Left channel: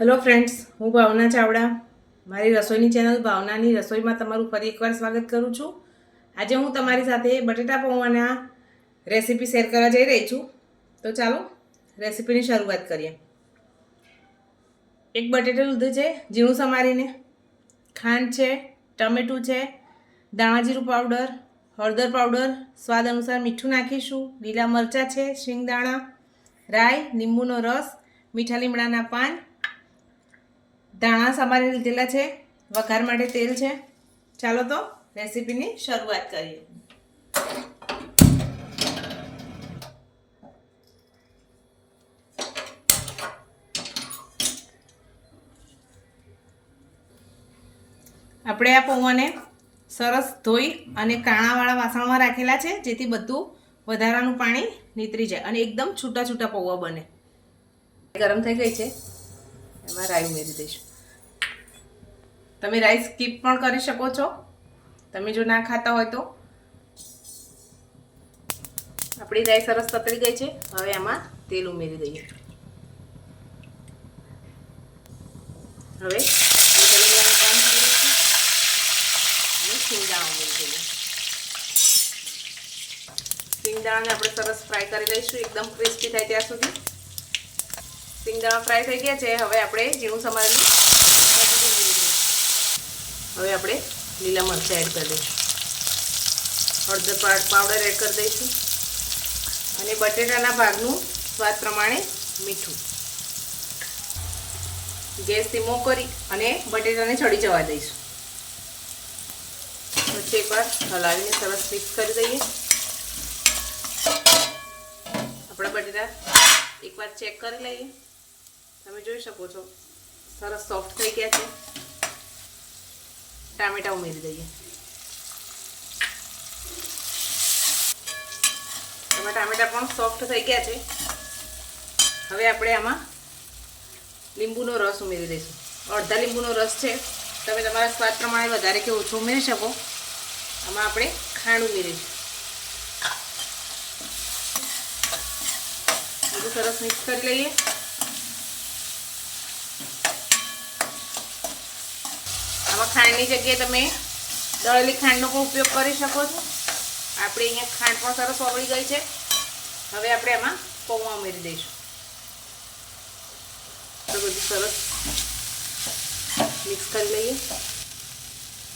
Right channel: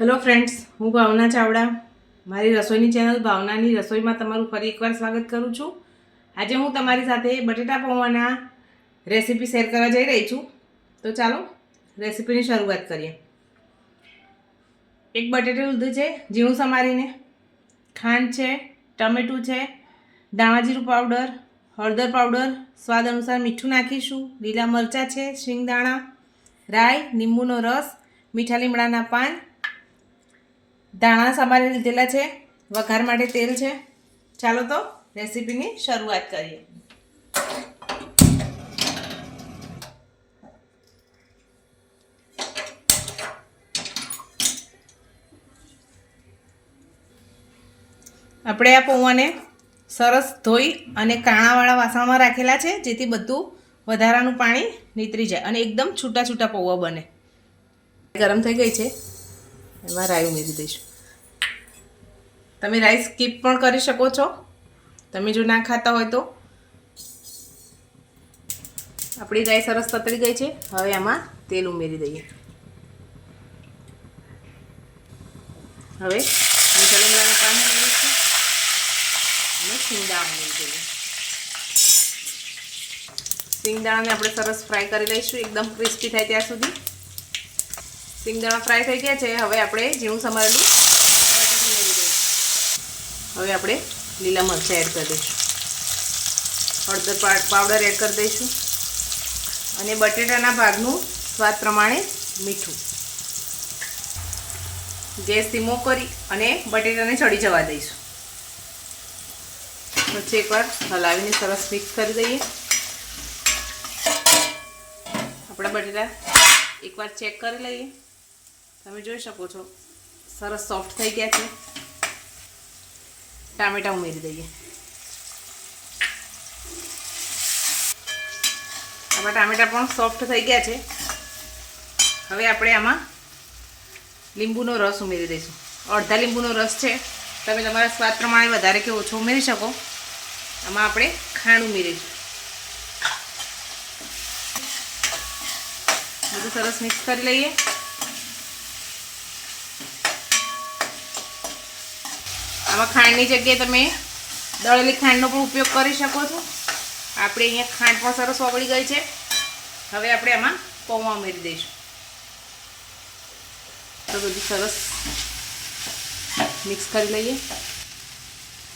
Hello friends હું ભાવના ચાવડા. મારી રસોઈની ચેનલ ભાવનાની રસોઈમાં તમારું ફરી એકવાર સ્વાગત કરું છું. આજે હું તમારી સાથે બટેટા પૌવાના રેસીપી શેર કરવા જઈ રહી છું. તો ચાલો, રેસીપીની શરૂઆત કરીએ. એક બટેટું લીધું છે, ઝીણું સમારીને. ખાંડ છે, ટમેટું છે, દાણાજીરું પાવડર હળદર પાવડર સ્વાદ અનુસાર મીઠું નાખીશું, લીલા મરચાં છે, શિંગદાણા, રાઈ, લીંબુનો રસ, મીઠા લીમડાના પાન ધાણા સમારી લીધેલા છે, વઘાર માટે તેલ છે. ચાલો તો રેસીપીની શરૂઆત કરીએ. આપણે આ પૌવાને સરસ ધોઈ અને કાણાવાળા વાસણમાં રાખેલા છે, જેથી બધું વધારાનું પાણી નીતરી જાય અને એકદમ છૂટા છૂટા પૌવા બને. ગરમ થઈ ગઈ છે. એમાં રાઈ ઉમેરી દઈશું. તમે રાઈ સ્કીપ પણ કરી શકો છો. તમે જો ના ખાતા હોય તો. આપણી રાઈ સરસ તતરી ગઈ છે. હવે આમાં તેલ ઉમેરી દઈએ. હવે મીઠા કામ ઉમેરીશું. અને સિંગદાણા ઉમેરી સિંગદાણાને આપણે સરસ ફ્રાય કરી લઈશું. એકદમ ક્રિસ્પી થાય ત્યાં સુધી. સિંગદાણા ફ્રાય થઈ ગયા છે. હવે આપણે ઝીણું સમારેલું હવે આપણે લીલા મરચાં એડ કરી દઈશું. હળદર પાવડર એડ કરી દઈશું. અને બટેટાના ભાગનું સ્વાદ પ્રમાણે મીઠું. ગેસ ધીમો કરી અને બટેટાને ચડી જવા દઈશું. પછી એકવાર હલાવીને સરસ મિક્સ કરી દઈએ. આપણા બટેટા એકવાર ચેક કરી લઈએ. તમે જોઈ શકો છો. સરસ સોફ્ટ થઈ ગયા છે. ટામેટા ઉમેરી દઈએ. આમાં ટામેટા પણ સોફ્ટ થઈ ગયા છે. હવે આપણે આમાં લીંબુનો રસ ઉમેરી દઈશું. અડધા લીંબુનો રસ છે. તમે તમારા સ્વાદ પ્રમાણે વધારે કે ઓછો ઉમેરી શકો. આમાં આપણે ખાંડ ઉમેરીશું. બધું સરસ મિક્સ કરી લઈએ. આમાં ખાંડની જગ્યાએ તમે દળેલી ખાંડનો પણ ઉપયોગ કરી શકો છો. આપણે અહીંયા ખાંડ પણ સરસ ઓગળી ગઈ છે. હવે આપણે આમાં પૌવા ઉમેરી દઈશું. તો બધું સરસ મિક્સ કરી લઈએ.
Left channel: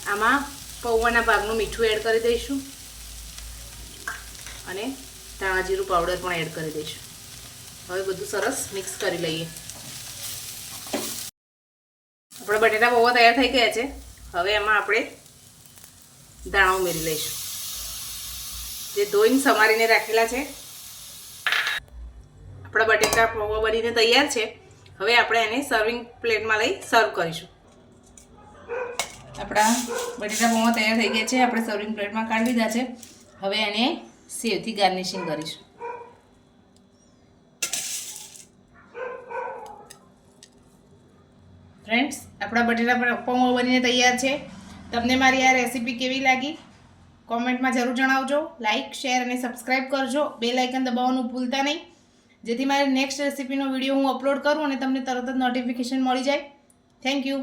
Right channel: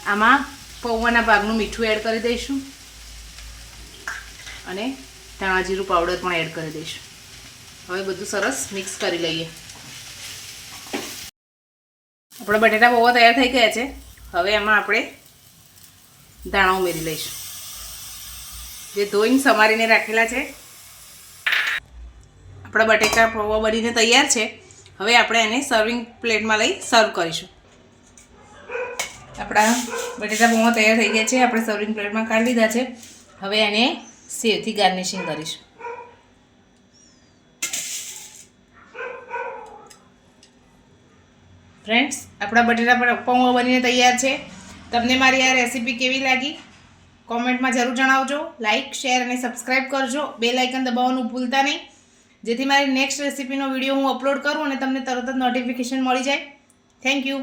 આમાં પૌવાના ભાગનું મીઠું એડ કરી દઈશું. અને ધાણા જીરું પાવડર પણ એડ કરી દઈશું. હવે બધું સરસ મિક્સ કરી લઈએ. આપણા બટેટા બહુ તૈયાર થઈ ગયા છે. હવે એમાં આપણે દાણા ઉમેરી લઈશું. જે ધોઈને સમારીને રાખેલા છે. આપણા બટેટા પૌવા બનીને તૈયાર છે. હવે આપણે એને સર્વિંગ પ્લેટમાં લઈ સર્વ કરીશું. આપણા બટેટા પૌવા તૈયાર થઈ ગયા છે. આપણે સર્વિંગ પ્લેટમાં કાઢી લીધા છે. હવે એને સેવથી ગાર્નિશિંગ કરીશું. ફ્રેન્ડ્સ આપણા બટેટા પૌવા બનીને તૈયાર છે. તમને મારી આ રેસીપી કેવી લાગી? કોમેન્ટમાં જરૂર જણાવજો. લાઇક શેર અને સબસ્ક્રાઈબ કરજો. બે લાઇકન દબાવવાનું ભૂલતા નહીં. જેથી મારી નેક્સ્ટ રેસીપીનો વીડિયો હું અપલોડ કરું અને તમને તરત જ નોટિફિકેશન મળી જાય. Thank you